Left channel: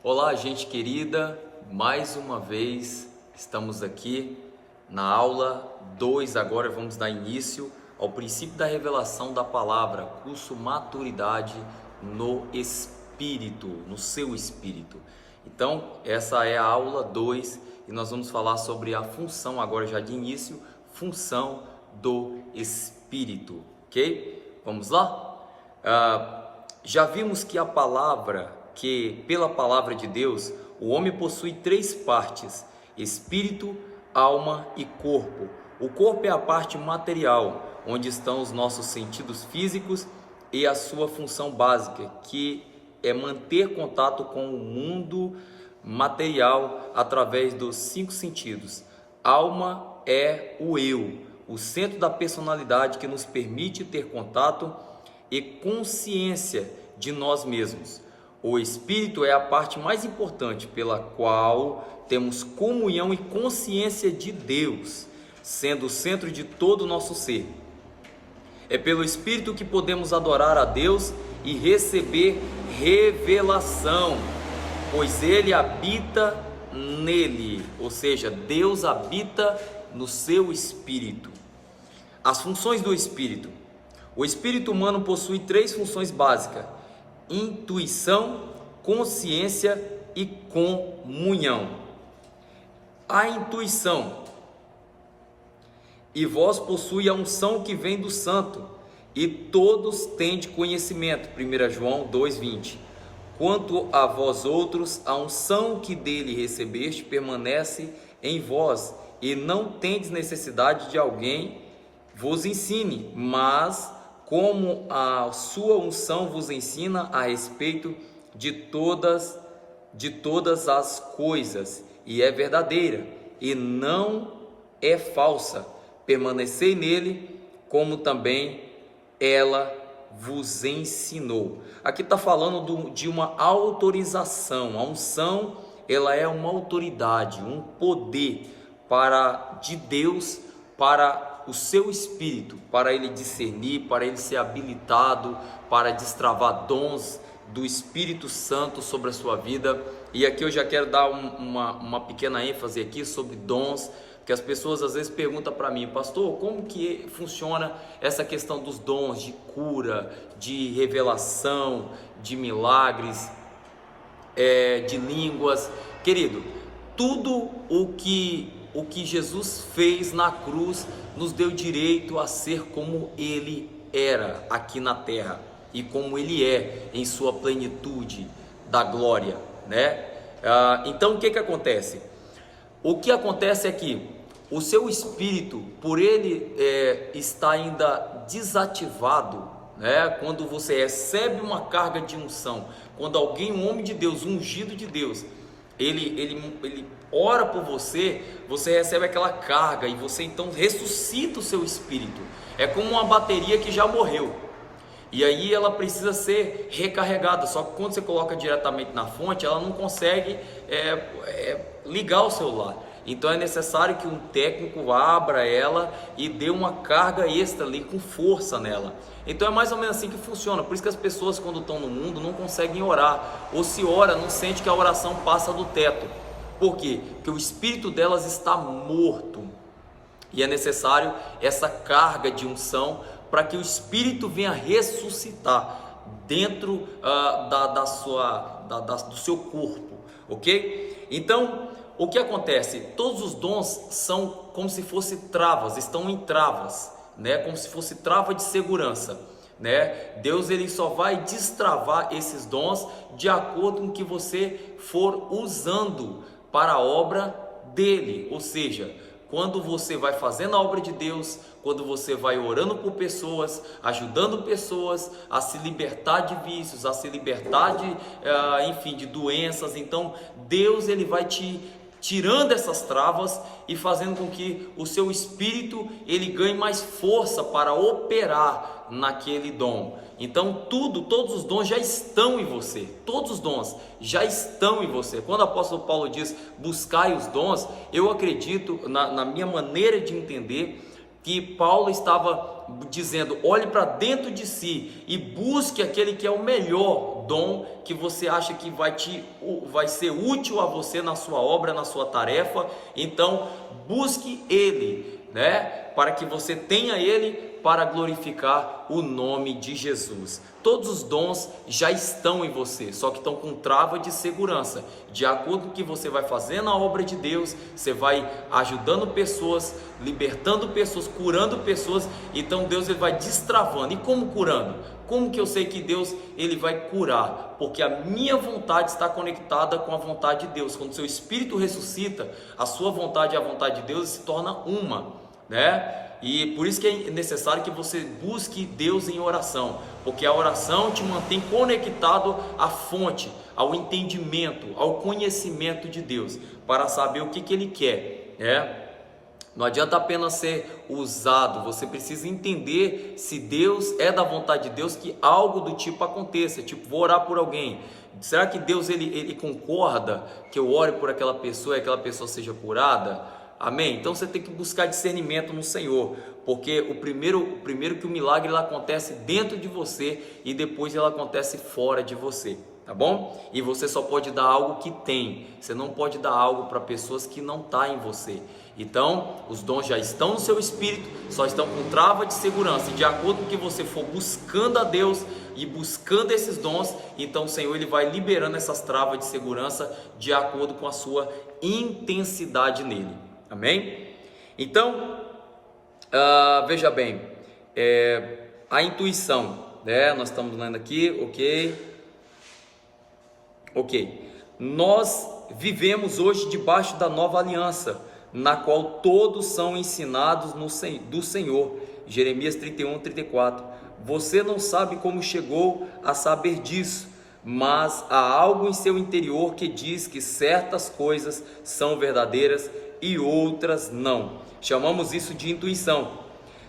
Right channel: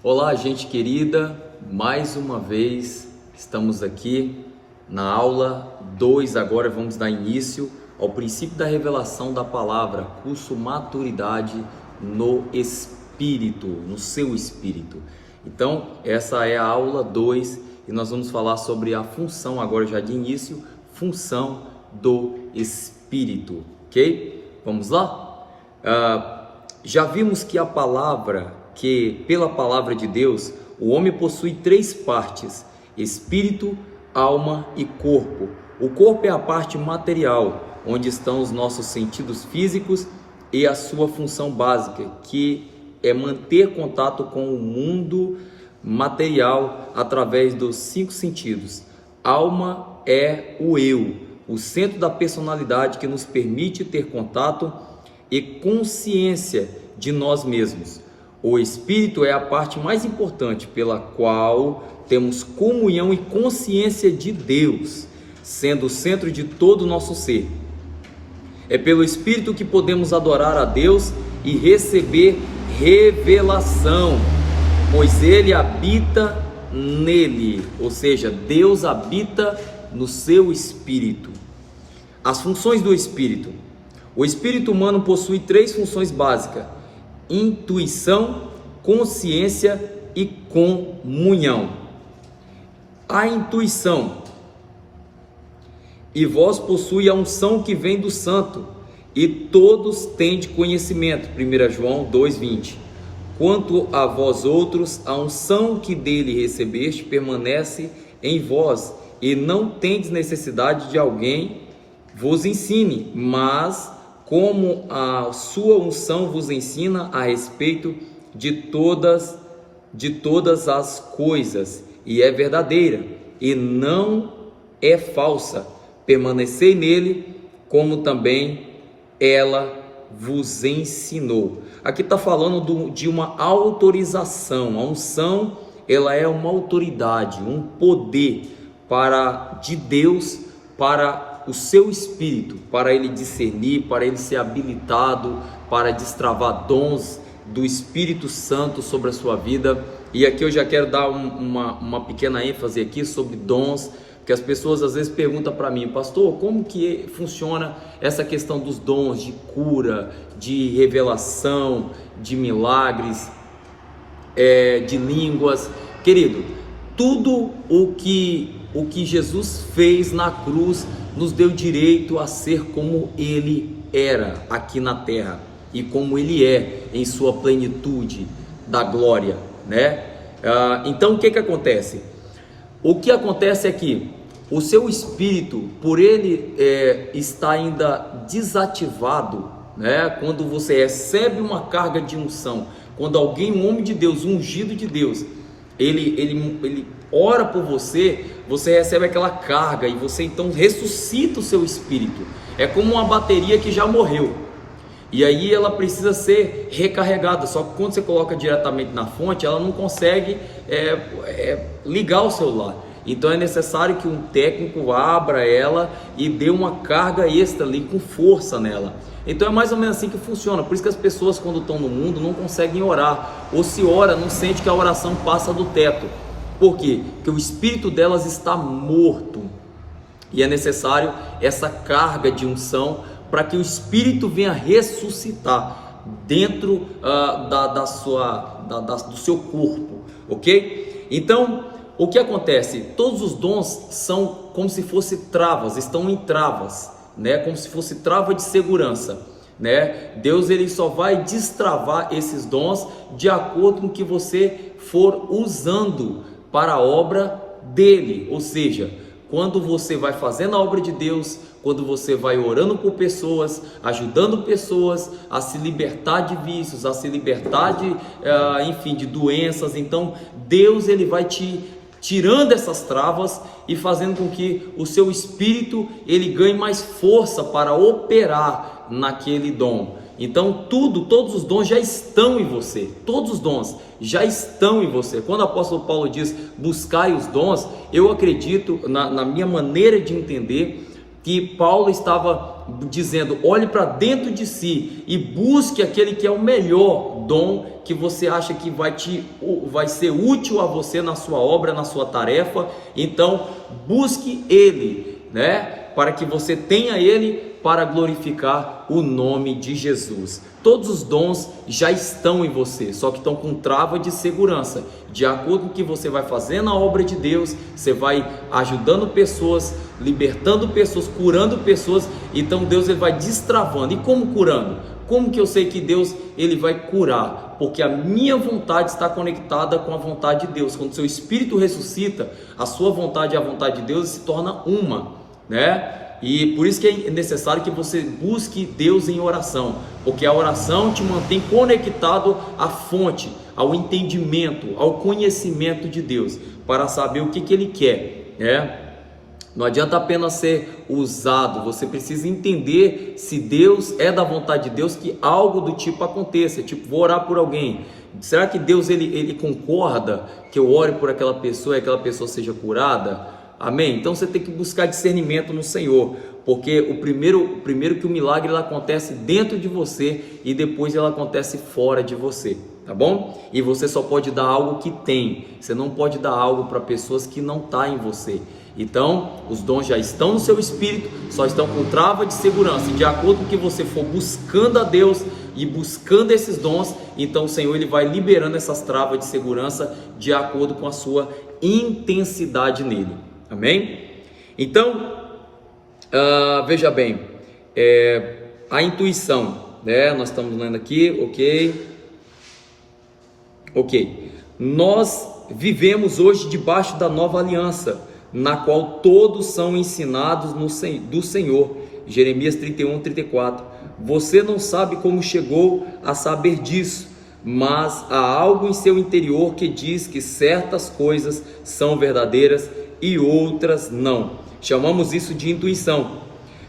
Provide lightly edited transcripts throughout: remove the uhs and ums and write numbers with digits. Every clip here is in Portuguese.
Olá, gente querida, mais uma vez estamos aqui na aula 2. Agora vamos dar início ao princípio da revelação da palavra, curso Maturidade no Espírito, no seu Espírito. Então, essa é a aula 2 e nós vamos falar sobre a função, agora já de início, função do Espírito, ok? Vamos lá? Já vimos que pela palavra de Deus, o homem possui três partes: espírito, alma e corpo. O corpo é a parte material, onde estão os nossos sentidos físicos e a sua função básica, que é manter contato com o mundo material através dos 5 sentidos. Alma é o eu, o centro da personalidade que nos permite ter contato e consciência de nós mesmos. O espírito é a parte mais importante, pela qual temos comunhão e consciência de Deus, sendo o centro de todo o nosso ser. É pelo espírito que podemos adorar a Deus e receber revelação, pois ele habita nele, ou seja, Deus habita no seu espírito. As funções do espírito. O espírito humano possui 3 funções básicas: intuição, consciência e comunhão. A intuição. E vós possui a unção que vem do santo, e todos têm de conhecimento. 1 João 2,20. Quanto a vós outros, a unção que dele recebeste permanece em vós, e não tendes necessidade de alguém vos ensine, mas como a sua unção vos ensina a respeito de todas as coisas, e é verdadeira, e não é falsa. Permanecei nele, como também ela vos ensinou. Aqui está falando de uma autorização. A unção, ela é uma autoridade, um poder de Deus para o seu espírito, para ele discernir, para ele ser habilitado, para destravar dons do Espírito Santo sobre a sua vida. E aqui eu já quero dar uma pequena ênfase aqui sobre dons, que as pessoas às vezes perguntam para mim: pastor, como que funciona essa questão dos dons de cura, de revelação, de milagres, de línguas? Querido, tudo o que Jesus fez na cruz nos deu direito a ser como ele era aqui na terra e como ele é em sua plenitude da glória, né? Então o que acontece? O que acontece é que o seu espírito, por ele estar ainda desativado, né? Quando você recebe uma carga de unção, quando alguém, um homem de Deus, um ungido de Deus, ele ora por você, você recebe aquela carga e você então ressuscita o seu espírito. É como uma bateria que já morreu e aí ela precisa ser recarregada, só que quando você coloca diretamente na fonte, ela não consegue ligar o celular. Então é necessário que um técnico abra ela e dê uma carga extra ali com força nela. Então é mais ou menos assim que funciona. Por isso que as pessoas, quando estão no mundo, não conseguem orar, ou se ora, não sente que a oração passa do teto. Por quê? Porque o espírito delas está morto, e é necessário essa carga de unção para que o espírito venha ressuscitar dentro do seu corpo, ok? Então, o que acontece? Todos os dons são como se fossem travas, estão em travas, né? Como se fosse trava de segurança, né? Deus, ele só vai destravar esses dons de acordo com o que você for usando para a obra dele. Ou seja, quando você vai fazendo a obra de Deus, quando você vai orando por pessoas, ajudando pessoas a se libertar de vícios, a se libertar de doenças, então Deus, ele vai te tirando essas travas e fazendo com que o seu espírito ele ganhe mais força para operar naquele dom. Então todos os dons já estão em você, todos os dons já estão em você. Quando o apóstolo Paulo diz buscai os dons, eu acredito, na minha maneira de entender, que Paulo estava dizendo: olhe para dentro de si e busque aquele que é o melhor dom que você acha que vai ser útil a você na sua obra, na sua tarefa. Então busque ele, né? Para que você tenha ele para glorificar o nome de Jesus. Todos os dons já estão em você, só que estão com trava de segurança. De acordo com o que você vai fazer na obra de Deus, você vai ajudando pessoas, libertando pessoas, curando pessoas. Então Deus ele vai destravando. E como curando? Como que eu sei que Deus ele vai curar? Porque a minha vontade está conectada com a vontade de Deus. Quando seu espírito ressuscita, a sua vontade e a vontade de Deus se torna uma, né? E por isso que é necessário que você busque Deus em oração, porque a oração te mantém conectado à fonte, ao entendimento, ao conhecimento de Deus, para saber o que Ele quer, né? Não adianta apenas ser usado, você precisa entender se Deus é da vontade de Deus que algo do tipo aconteça. Tipo, vou orar por alguém, será que Deus ele concorda que eu ore por aquela pessoa e aquela pessoa seja curada? Amém? Então você tem que buscar discernimento no Senhor, porque o primeiro que o milagre ele acontece dentro de você e depois ele acontece fora de você, tá bom? E você só pode dar algo que tem, você não pode dar algo para pessoas que não tá em você. Então os dons já estão no seu espírito, só estão com trava de segurança, e de acordo com o que você for buscando a Deus e buscando esses dons, então o Senhor ele vai liberando essas travas de segurança de acordo com a sua intensidade nele. Amém? Então, veja bem, a intuição, né? Nós estamos lendo aqui, ok. Nós vivemos hoje debaixo da nova aliança, na qual todos são ensinados do Senhor. Jeremias 31, 34. Você não sabe como chegou a saber disso, mas há algo em seu interior que diz que certas coisas são verdadeiras e outras não. Chamamos isso de intuição.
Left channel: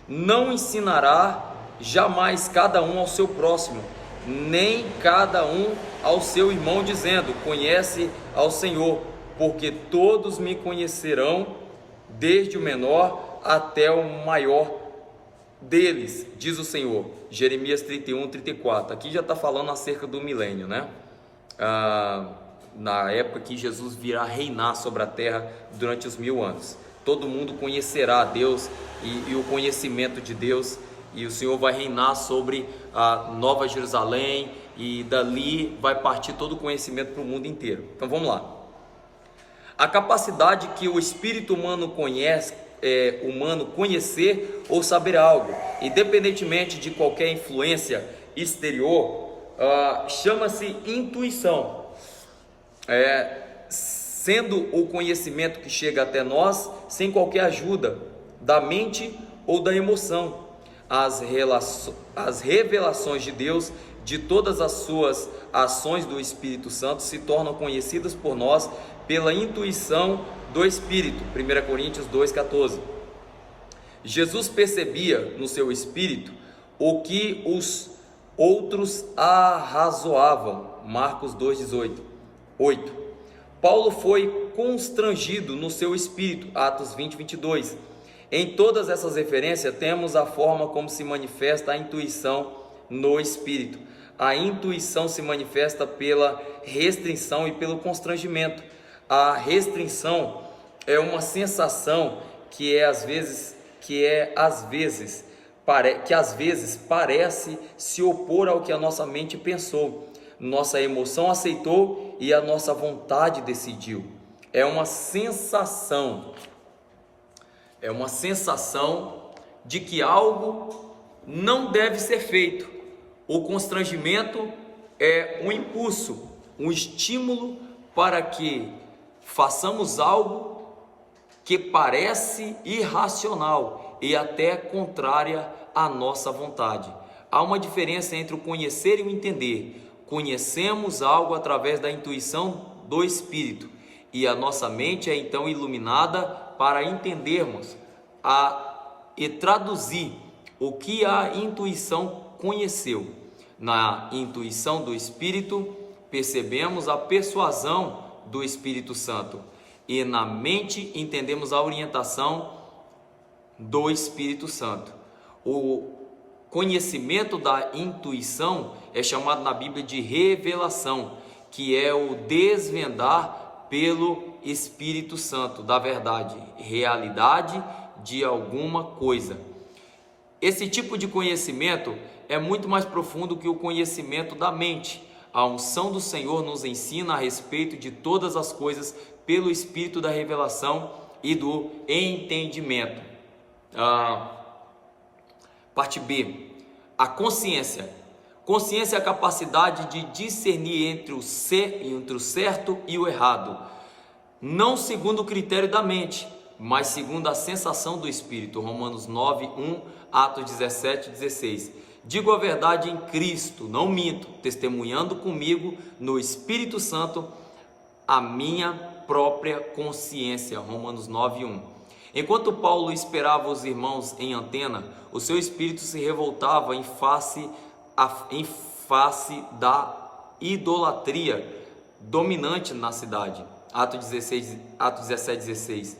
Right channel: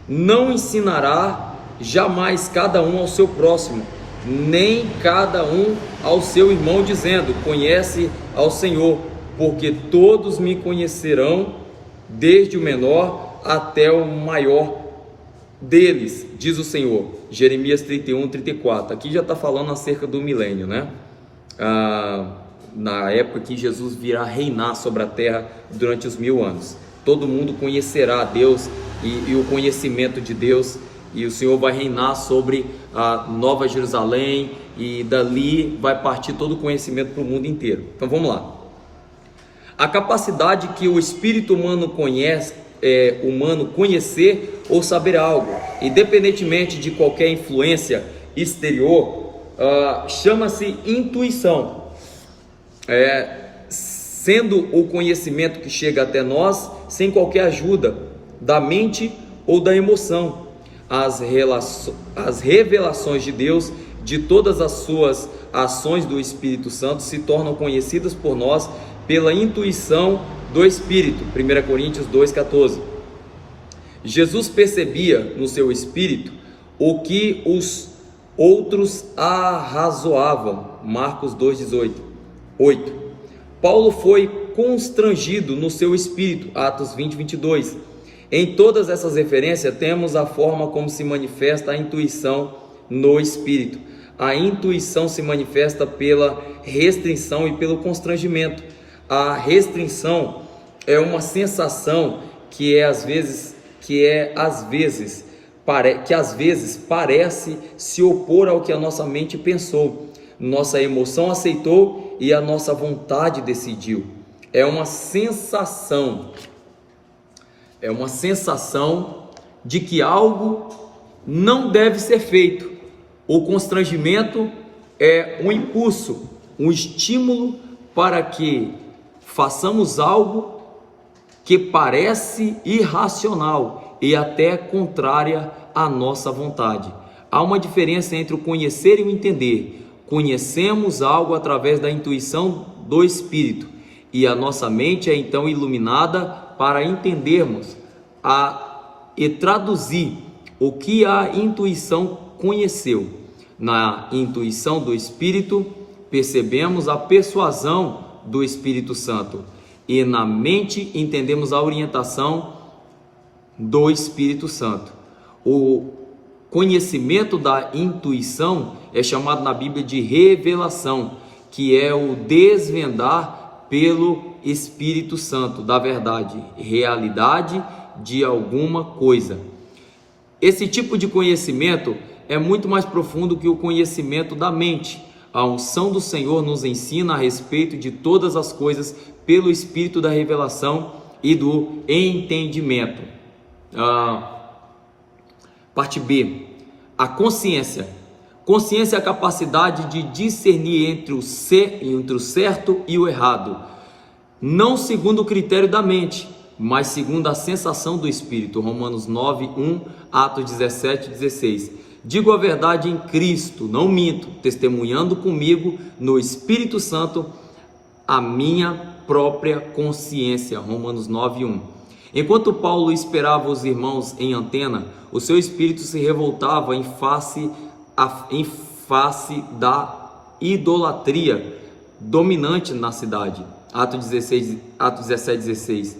Não ensinará jamais cada um ao seu próximo, nem cada um ao seu irmão, dizendo: conhece ao Senhor, porque todos me conhecerão, desde o menor até o maior deles, diz o Senhor. Jeremias 31, 34. Aqui já está falando acerca do milênio, né? Na época que Jesus virá reinar sobre a terra durante os 1000 anos. Todo mundo conhecerá a Deus e o conhecimento de Deus, e o Senhor vai reinar sobre a Nova Jerusalém, e dali vai partir todo o conhecimento para o mundo inteiro. Então vamos lá. A capacidade que o espírito humano conhecer ou saber algo, independentemente de qualquer influência exterior, chama-se intuição. Sendo o conhecimento que chega até nós sem qualquer ajuda da mente ou da emoção. As revelações de Deus, de todas as suas ações do Espírito Santo, se tornam conhecidas por nós pela intuição do Espírito. 1 Coríntios 2,14. Jesus percebia no seu espírito o que os outros arrazoavam. Marcos 2,18. 8. Paulo foi constrangido no seu espírito. Atos 20, 22. Em todas essas referências temos a forma como se manifesta a intuição no espírito. A intuição se manifesta pela restrição e pelo constrangimento. A restrição é uma sensação que às vezes parece se opor ao que a nossa mente pensou, nossa emoção aceitou e a nossa vontade decidiu. É uma sensação de que algo não deve ser feito. O constrangimento é um impulso, um estímulo para que façamos algo que parece irracional e até contrária à nossa vontade. Há uma diferença entre o conhecer e o entender. Conhecemos algo através da intuição do Espírito, e a nossa mente é então iluminada para entendermos e traduzir o que a intuição conheceu. Na intuição do Espírito, percebemos a persuasão do Espírito Santo, e na mente entendemos a orientação do Espírito Santo. O conhecimento da intuição é chamado na Bíblia de revelação, que é o desvendar pelo Espírito Santo da verdade, realidade de alguma coisa. Esse tipo de conhecimento é muito mais profundo que o conhecimento da mente. A unção do Senhor nos ensina a respeito de todas as coisas pelo Espírito da revelação e do entendimento. Parte B, a consciência. Consciência é a capacidade de discernir entre o certo e o errado, não segundo o critério da mente, mas segundo a sensação do Espírito. Romanos 9:1, Atos 17:16. Digo a verdade em Cristo, não minto, testemunhando comigo no Espírito Santo a minha própria consciência. Romanos 9:1. Enquanto Paulo esperava os irmãos em Antena, o seu espírito se revoltava em face da idolatria dominante na cidade. Atos 17:16.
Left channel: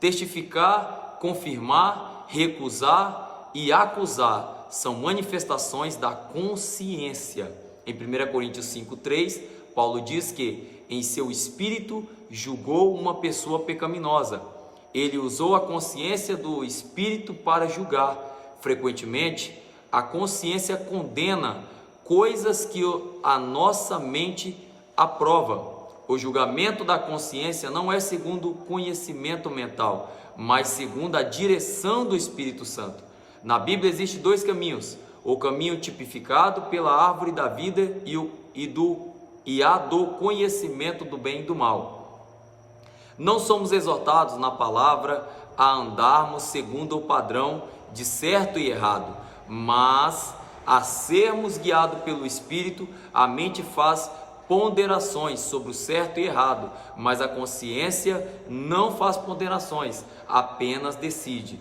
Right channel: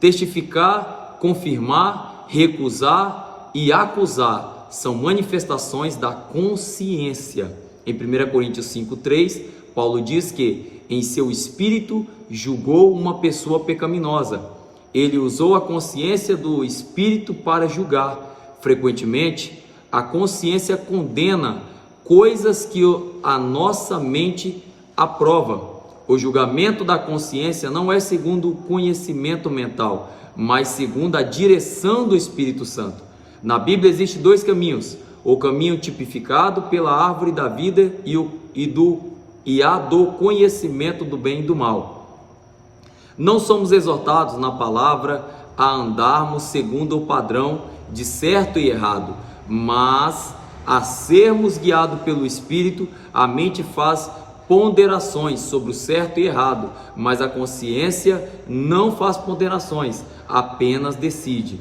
Testificar, confirmar, recusar e acusar são manifestações da consciência. Em 1 Coríntios 5:3, Paulo diz que em seu espírito julgou uma pessoa pecaminosa. Ele usou a consciência do espírito para julgar. Frequentemente, a consciência condena coisas que a nossa mente aprova. O julgamento da consciência não é segundo o conhecimento mental, mas segundo a direção do Espírito Santo. Na Bíblia existem dois caminhos: o caminho tipificado pela árvore da vida e a do conhecimento do bem e do mal. Não somos exortados na palavra a andarmos segundo o padrão de certo e errado, mas a sermos guiados pelo Espírito. A mente faz ponderações sobre o certo e errado, mas a consciência não faz ponderações, apenas decide.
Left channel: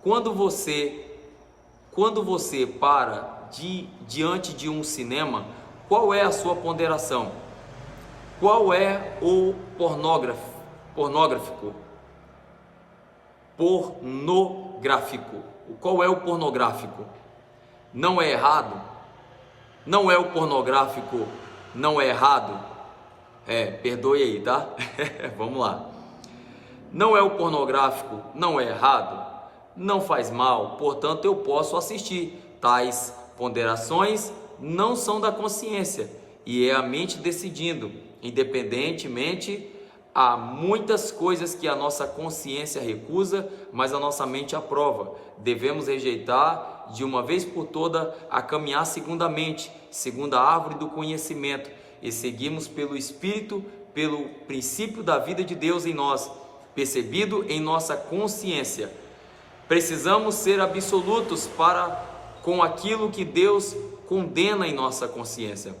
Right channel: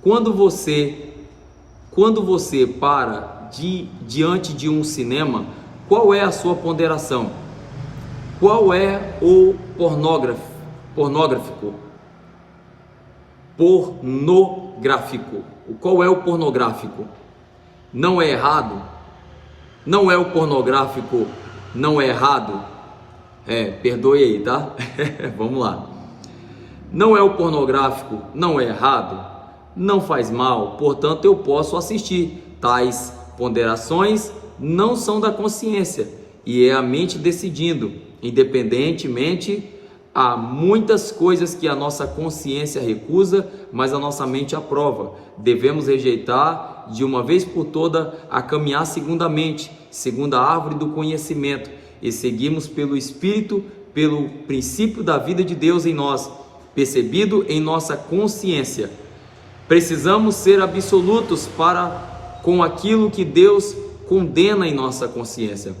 Quando você para diante de um cinema, qual é a sua ponderação? Qual é o pornográfico? Qual é o pornográfico? Não é errado? Não é o pornográfico, não é errado? Perdoe aí, tá? Vamos lá. Não é o pornográfico, não é errado? Não faz mal, portanto eu posso assistir. Tais ponderações não são da consciência, e é a mente decidindo. Independentemente, há muitas coisas que a nossa consciência recusa, mas a nossa mente aprova. Devemos rejeitar de uma vez por toda a caminhar segundo a mente, segundo a árvore do conhecimento, e seguimos pelo Espírito, pelo princípio da vida de Deus em nós, percebido em nossa consciência. Precisamos ser absolutos com aquilo que Deus condena em nossa consciência.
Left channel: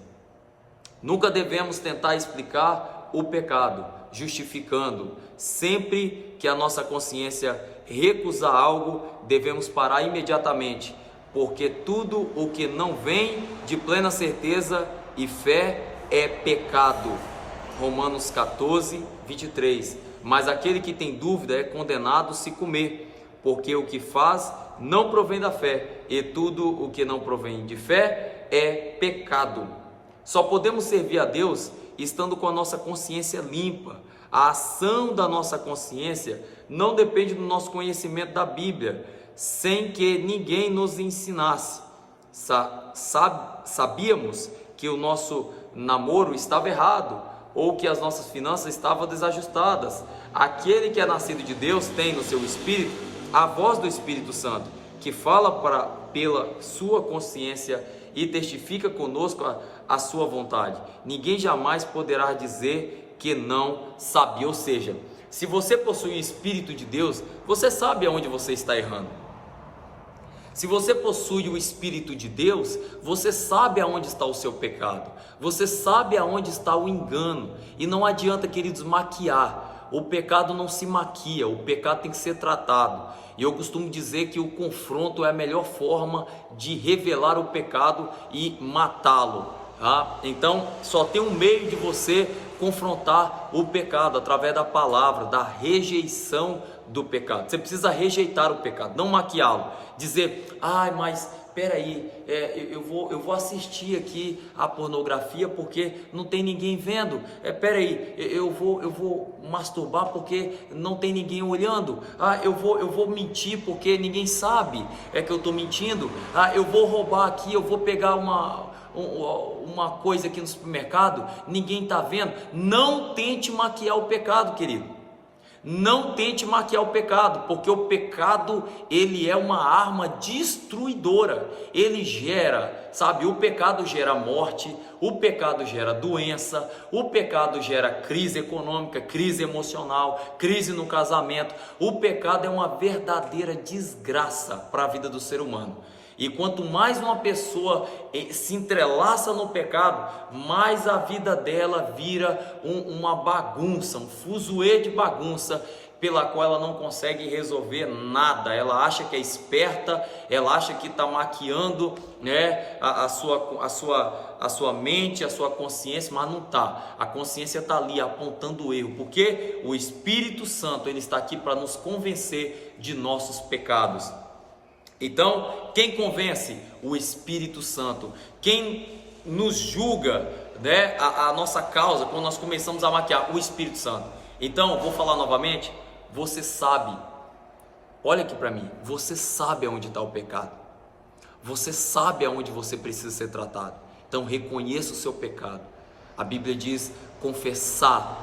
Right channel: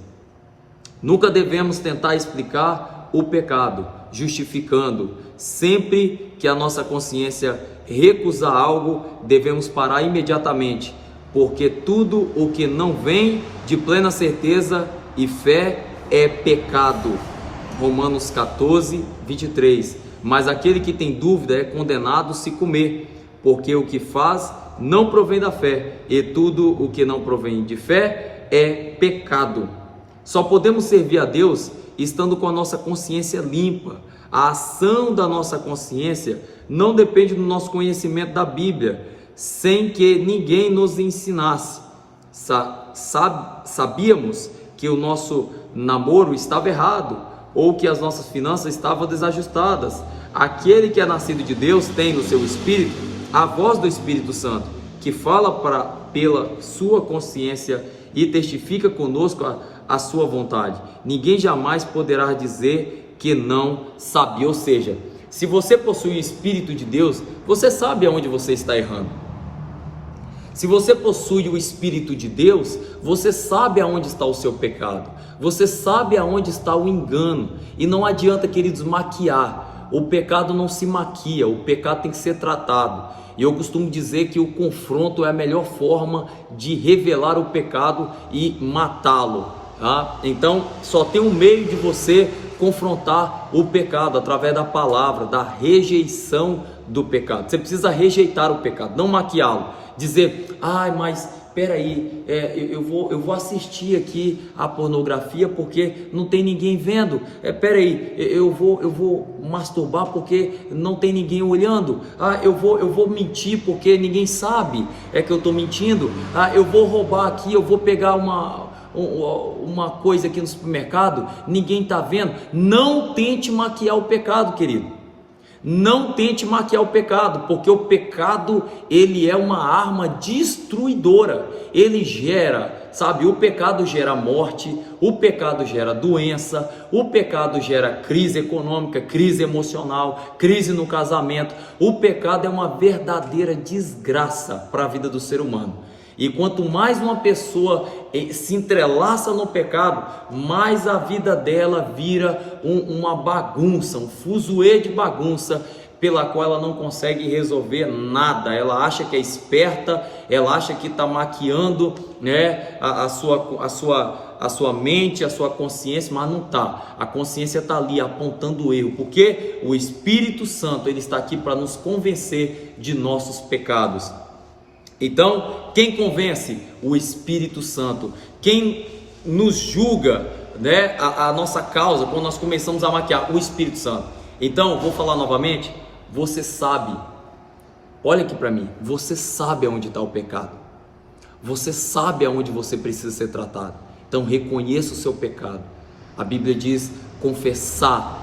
Nunca devemos tentar explicar o pecado, justificando. Sempre que a nossa consciência recusar algo, devemos parar imediatamente, porque tudo o que não vem de plena certeza e fé é pecado. Romanos 14:23. Mas aquele que tem dúvida é condenado se comer, porque o que faz não provém da fé, e tudo o que não provém de fé é pecado. Só podemos servir a Deus estando com a nossa consciência limpa. A ação da nossa consciência não depende do nosso conhecimento da Bíblia, sem que ninguém nos ensinasse. Sabíamos que o nosso namoro estava errado, ou que as nossas finanças estavam desajustadas. Aquele que é nascido de Deus tem no seu espírito a voz do Espírito Santo, que fala pela sua consciência e testifica conosco a sua vontade. Ninguém jamais poderá dizer que não sabia. Ou seja, se você possui o Espírito de Deus, você sabe aonde você está errando. Se você possui o Espírito de Deus, você sabe aonde está o seu pecado. Você sabe aonde está o engano. E não adianta, queridos, maquiar. O pecado não se maquia, o pecado tem que ser tratado. E eu costumo dizer que o confronto é a melhor forma de revelar o pecado e matá-lo, tá? Então, só tem um meio de você confrontar o pecado, através da palavra, da rejeição do pecado. Você precisa rejeitar o pecado, não maquiá-lo. dizer, ai, mas peraí, eu vou assistir aqui a pornografia porque não tem ninguém vendo. Peraí, eu vou masturbar porque não tem ninguém olhando. Eu vou mentir porque ninguém sabe que eu estou mentindo. Eu vou roubar aqui, eu vou pegar uma coisa aqui no supermercado, ninguém está vendo. Não tente maquiar o pecado, querido. Não tente maquiar o pecado, porque o pecado, ele é uma arma destruidora. Ele gera, sabe, o pecado gera morte, o pecado gera doença, o pecado gera crise econômica, crise emocional, crise no casamento. O pecado é uma verdadeira desgraça para a vida do ser humano. E quanto mais uma pessoa se entrelaça no pecado, mais a vida dela vira uma bagunça, um fuzuê de bagunça, pela qual ela não consegue resolver nada. Ela acha que é esperta, ela acha que está maquiando, né, a sua mente, a sua consciência, mas não está. A consciência está ali apontando o erro, porque o Espírito Santo, ele está aqui para nos convencer de nossos pecados. Então, quem convence? O Espírito Santo. Quem nos julga, né, a nossa causa, quando nós começamos a maquiar? O Espírito Santo. Então, vou falar novamente, você sabe, olha aqui para mim, você sabe aonde está o pecado, você sabe aonde você precisa ser tratado. Então, reconheça o seu pecado. A Bíblia diz confessar,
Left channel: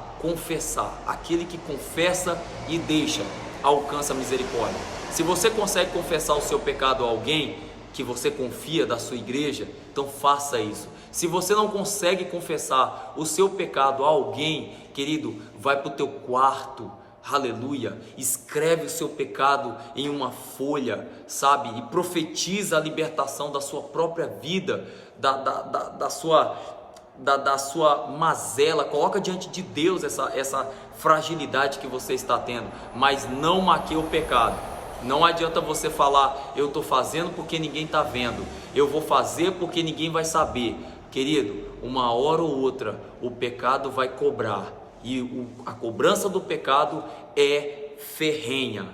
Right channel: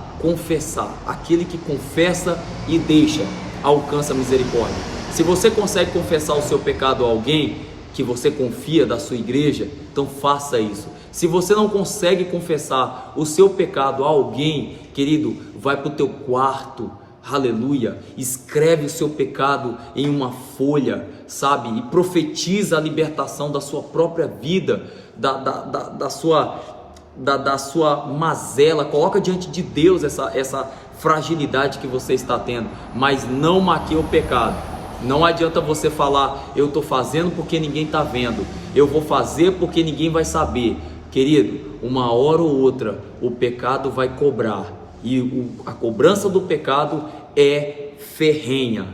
aquele que confessa e deixa, alcança a misericórdia. Se você consegue confessar o seu pecado a alguém que você confia da sua igreja, então faça isso. Se você não consegue confessar o seu pecado a alguém, querido, vai para o teu quarto, aleluia, escreve o seu pecado em uma folha, sabe, e profetiza a libertação da sua própria vida, da sua mazela. Coloca diante de Deus essa fragilidade que você está tendo, mas não maqueie o pecado. Não adianta você falar, eu estou fazendo porque ninguém está vendo, eu vou fazer porque ninguém vai saber. Querido, uma hora ou outra o pecado vai cobrar, e a cobrança do pecado é ferrenha.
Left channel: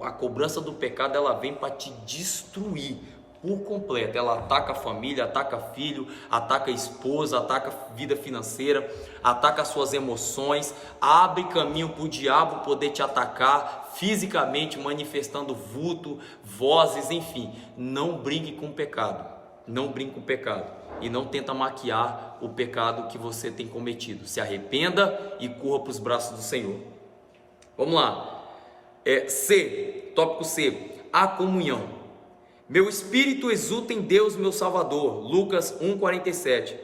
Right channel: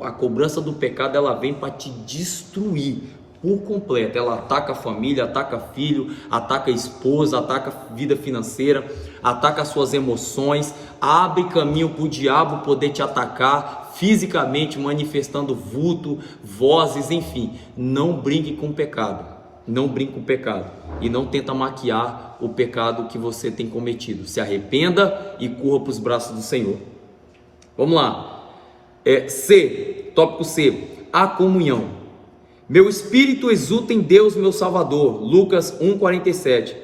A cobrança do pecado, ela vem para te destruir por completo. Ela ataca a família, ataca filho, ataca a esposa, ataca a vida financeira, ataca as suas emoções, abre caminho para o diabo poder te atacar fisicamente, manifestando vulto, vozes, enfim. Não brinque com o pecado, não brinque com o pecado, e não tenta maquiar o pecado que você tem cometido. Se arrependa e corra para os braços do Senhor. Vamos lá. Tópico C, a comunhão. Meu espírito exulta em Deus, meu Salvador. Lucas 1,47.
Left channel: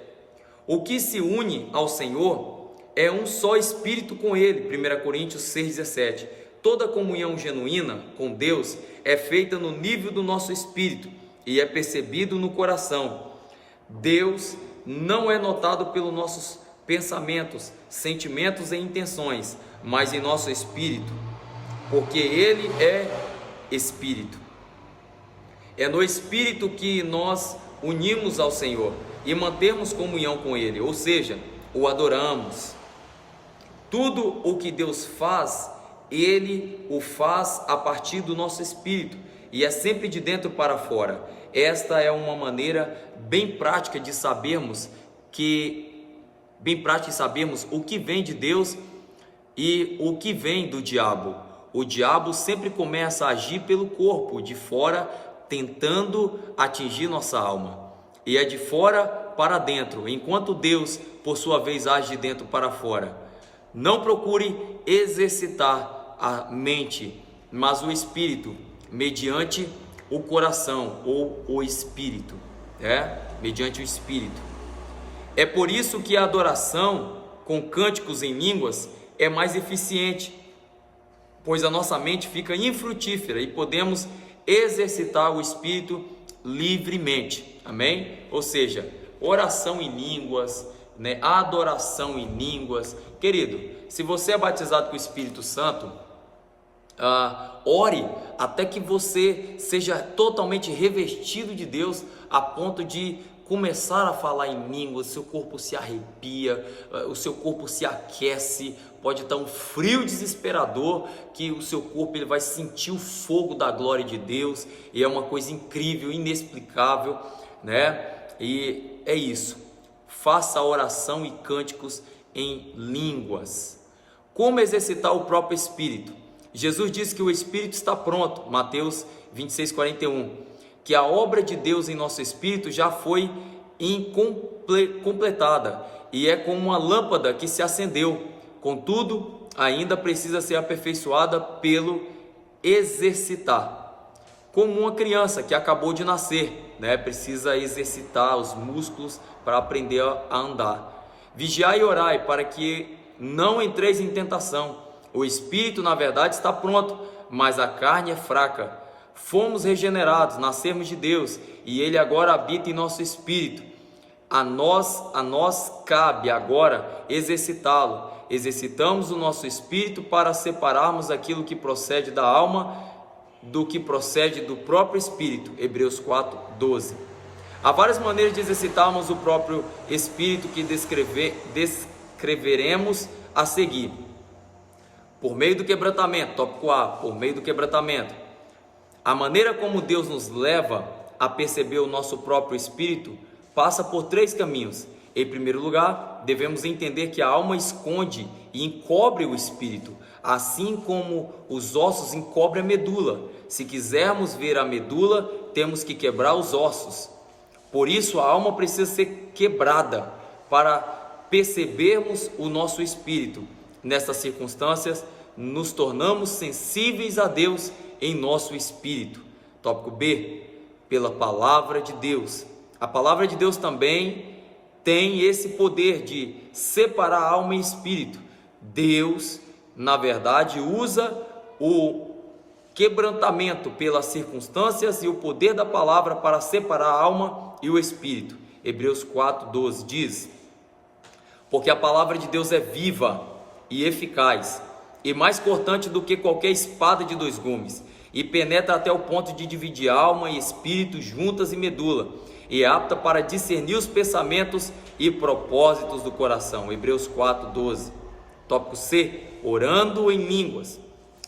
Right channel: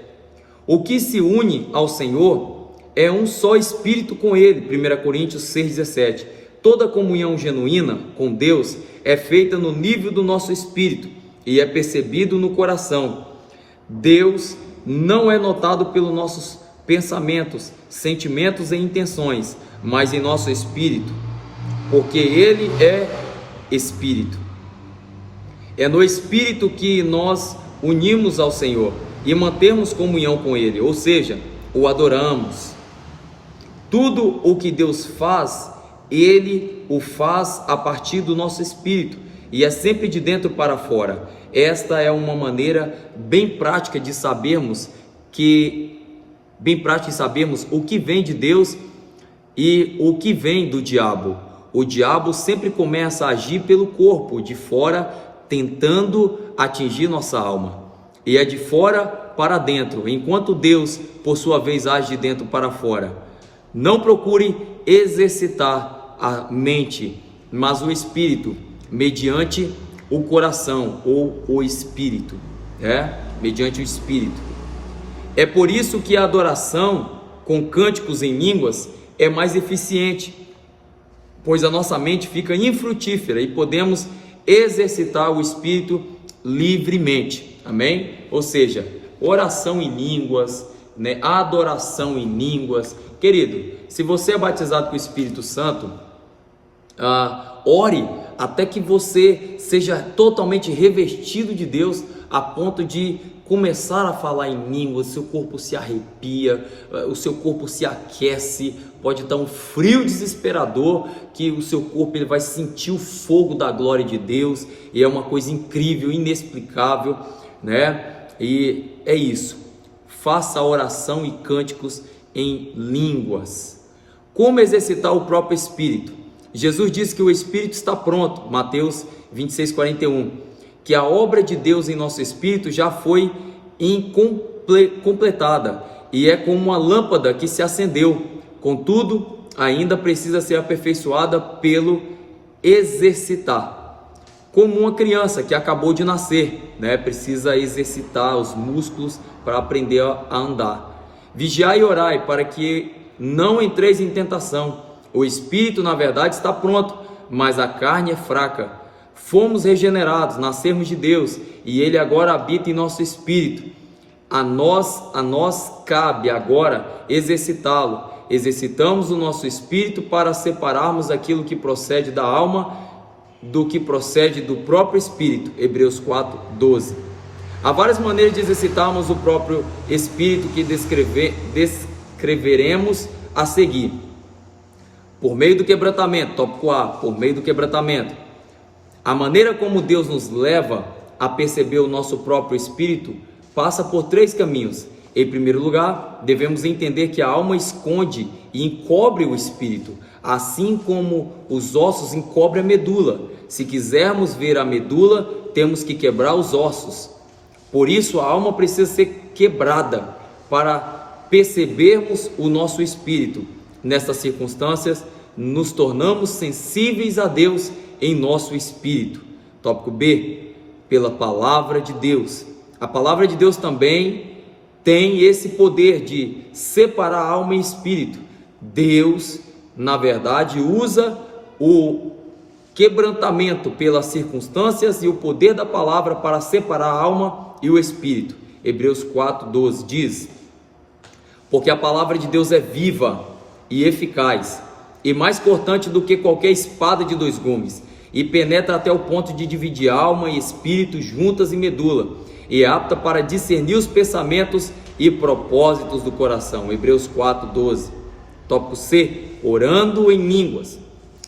O que se une ao Senhor é um só espírito com Ele. 1 Coríntios 6,17. Toda comunhão genuína com Deus é feita no nível do nosso espírito e é percebido no coração. Deus não é notado pelos nossos pensamentos, sentimentos e intenções, mas em nosso espírito, porque Ele é Espírito. É no Espírito que nós unimos ao Senhor e mantemos comunhão com Ele, ou seja, o adoramos. Tudo o que Deus faz, Ele o faz a partir do nosso espírito, e é sempre de dentro para fora. Esta é uma maneira bem prática de sabermos o que vem de Deus e o que vem do diabo. O diabo sempre começa a agir pelo corpo, de fora, tentando atingir nossa alma. E é de fora para dentro, enquanto Deus, por sua vez, age de dentro para fora. Não procure exercitar a mente, mas o espírito, mediante o coração, ou o espírito, mediante o espírito. É por isso que a adoração com cânticos em línguas é mais eficiente, pois a nossa mente fica infrutífera e podemos exercitar o espírito livremente, amém? Ou seja, oração em línguas, adoração em línguas. Querido, se você é batizado com o Espírito Santo, ore até que você seja totalmente revestido de Deus, a ponto de começar a falar em línguas, seu corpo se arrepia, o seu corpo se aquece, pode estar um frio desesperador, que o seu corpo ele vai sentir o fogo da glória de Deus, e é uma coisa incrível, inexplicável, né? E é isso, faça oração e cânticos em línguas. Como exercitar o próprio Espírito? Jesus disse que o Espírito está pronto, Mateus 26:41, que a obra de Deus em nosso Espírito já foi completada, e é como uma lâmpada que se acendeu, contudo, ainda precisa ser aperfeiçoada pelo exercitar. Como uma criança que acabou de nascer, né? Precisa exercitar os músculos para aprender a andar. Vigiai e orai para que não entreis em tentação. O espírito, na verdade, está pronto, mas a carne é fraca. Fomos regenerados, nascemos de Deus, e Ele agora habita em nosso espírito. A nós cabe agora exercitá-lo. Exercitamos o nosso espírito para separarmos aquilo que procede da alma do que procede do próprio espírito. Hebreus 4:12. Há várias maneiras de exercitarmos o próprio espírito que descreveremos a seguir. Por meio do quebrantamento, tópico A, por meio do quebrantamento. A maneira como Deus nos leva a perceber o nosso próprio espírito passa por 3 caminhos. Em primeiro lugar, devemos entender que a alma esconde e encobre o espírito, assim como os ossos encobrem a medula. Se quisermos ver a medula, temos que quebrar os ossos. Por isso, a alma precisa ser quebrada para percebermos o nosso espírito. Nessas circunstâncias, nos tornamos sensíveis a Deus em nosso espírito. Tópico B, pela palavra de Deus. A palavra de Deus também tem esse poder de separar alma e espírito. Deus, na verdade, usa o quebrantamento pelas circunstâncias e o poder da palavra para separar a alma e o espírito. Hebreus 4:12 diz: porque a palavra de Deus é viva e eficaz, e mais cortante do que qualquer espada de 2 gumes, e penetra até o ponto de dividir alma e espírito, juntas e medula, e é apta para discernir os pensamentos e propósitos do coração. Hebreus 4:12. Tópico C, orando em línguas.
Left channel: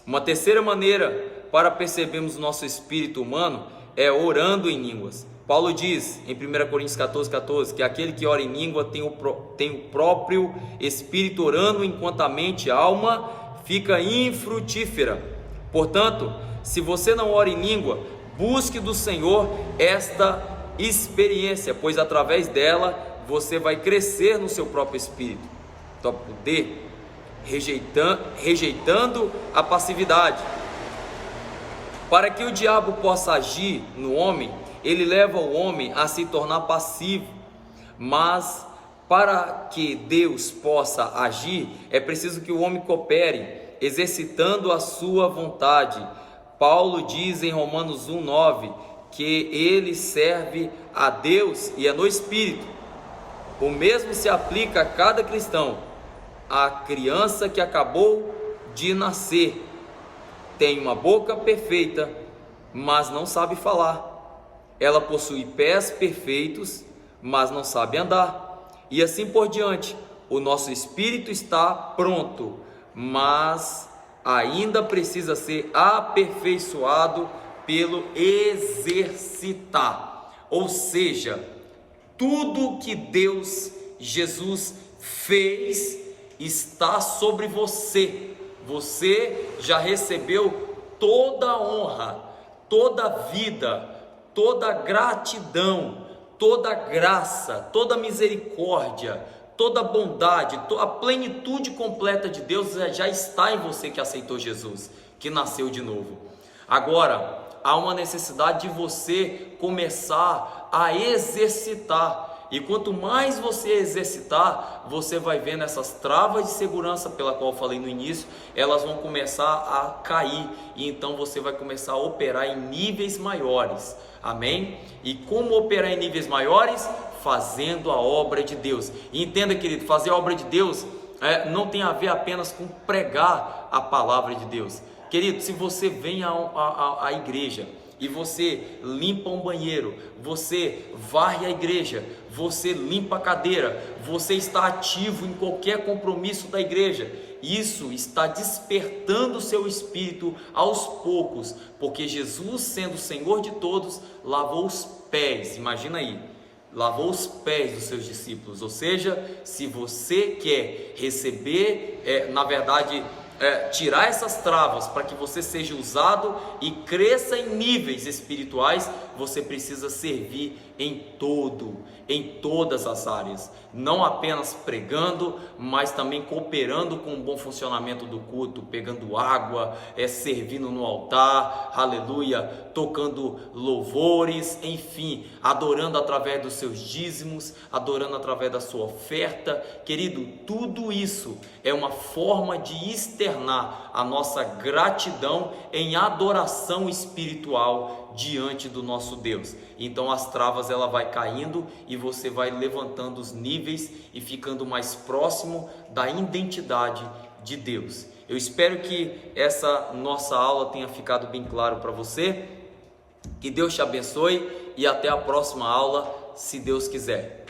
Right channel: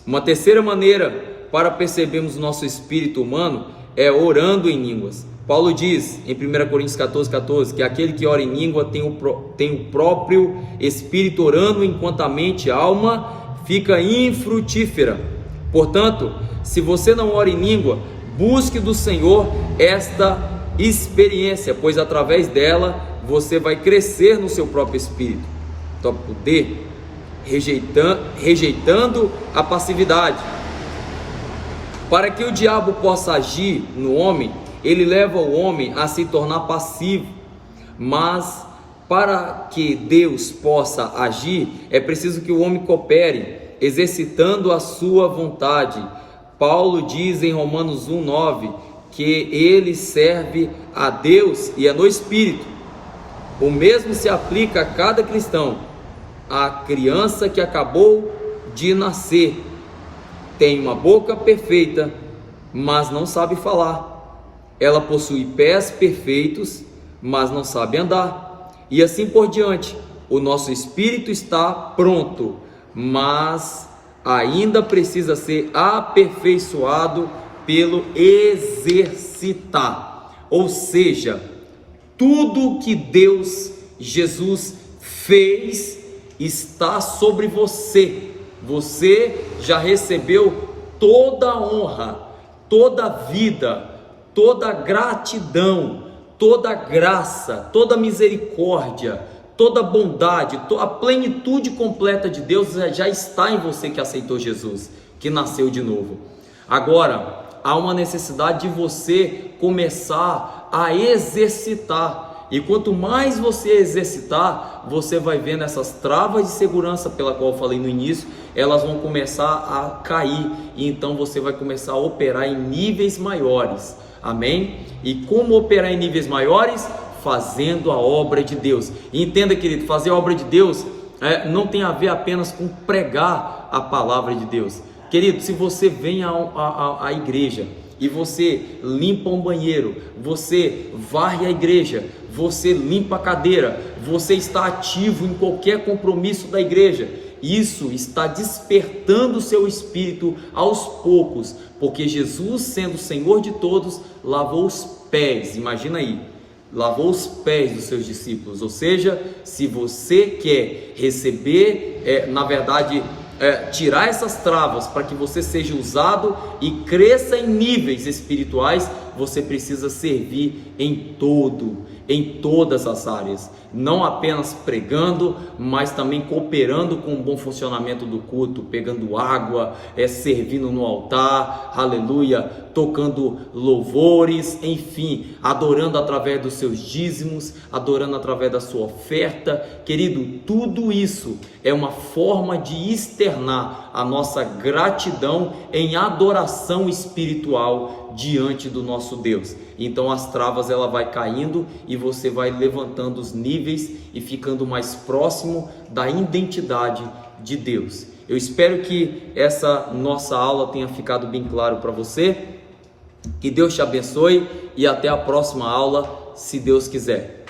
Uma terceira maneira para percebermos o nosso espírito humano é orando em línguas. Paulo diz em 1 Coríntios 14:14 que aquele que ora em língua tem o próprio espírito orando, enquanto a mente e a alma fica infrutífera. Portanto, se você não ora em língua, busque do Senhor esta experiência, pois através dela você vai crescer no seu próprio espírito. Tópico D, rejeitando a passividade. Para que o diabo possa agir no homem, ele leva o homem a se tornar passivo. Mas para que Deus possa agir, é preciso que o homem coopere, exercitando a sua vontade. Paulo diz em Romanos 1:9 que ele serve a Deus e é no Espírito. O mesmo se aplica a cada cristão. A criança que acabou de nascer tem uma boca perfeita, mas não sabe falar. Ela possui pés perfeitos, mas não sabe andar. E assim por diante. O nosso espírito está pronto, mas ainda precisa ser aperfeiçoado pelo exercitar. Ou seja, tudo que Jesus fez está sobre você. Você já recebeu toda a honra, toda a vida, toda a gratidão, toda a graça, toda a misericórdia, toda a bondade, a plenitude completa de Deus já está em você que aceitou Jesus, que nasceu de novo. Agora, há uma necessidade de você começar a exercitar. E quanto mais você exercitar, você vai vendo essas travas de segurança pela qual eu falei no início, elas vão começar a cair. E então você vai começar a operar em níveis maiores. Amém? E como operar em níveis maiores? Fazendo a obra de Deus. E entenda, querido, fazer a obra de Deus não tem a ver apenas com pregar a palavra de Deus. Querido, se você vem à igreja e você limpa um banheiro, você varre a igreja, você limpa a cadeira, você está ativo em qualquer compromisso da igreja, isso está despertando o seu espírito aos poucos, porque Jesus, sendo o Senhor de todos, lavou os pés, imagina aí, lavou os pés dos seus discípulos. Ou seja, se você quer receber, tirar essas travas para que você seja usado e cresça em níveis espirituais, você precisa servir em todas as áreas, não apenas pregando, mas também cooperando com o bom funcionamento do culto, pegando água, servindo no altar, aleluia, tocando louvores, enfim, adorando através dos seus dízimos, adorando através da sua oferta. Querido, tudo isso é uma forma de externar a nossa gratidão em adoração espiritual diante do nosso Deus. Então as travas ela vai caindo e você vai levantando os níveis e ficando mais próximo da identidade de Deus. Eu espero que essa nossa aula tenha ficado bem claro para você. Que Deus te abençoe e até a próxima aula, se Deus quiser.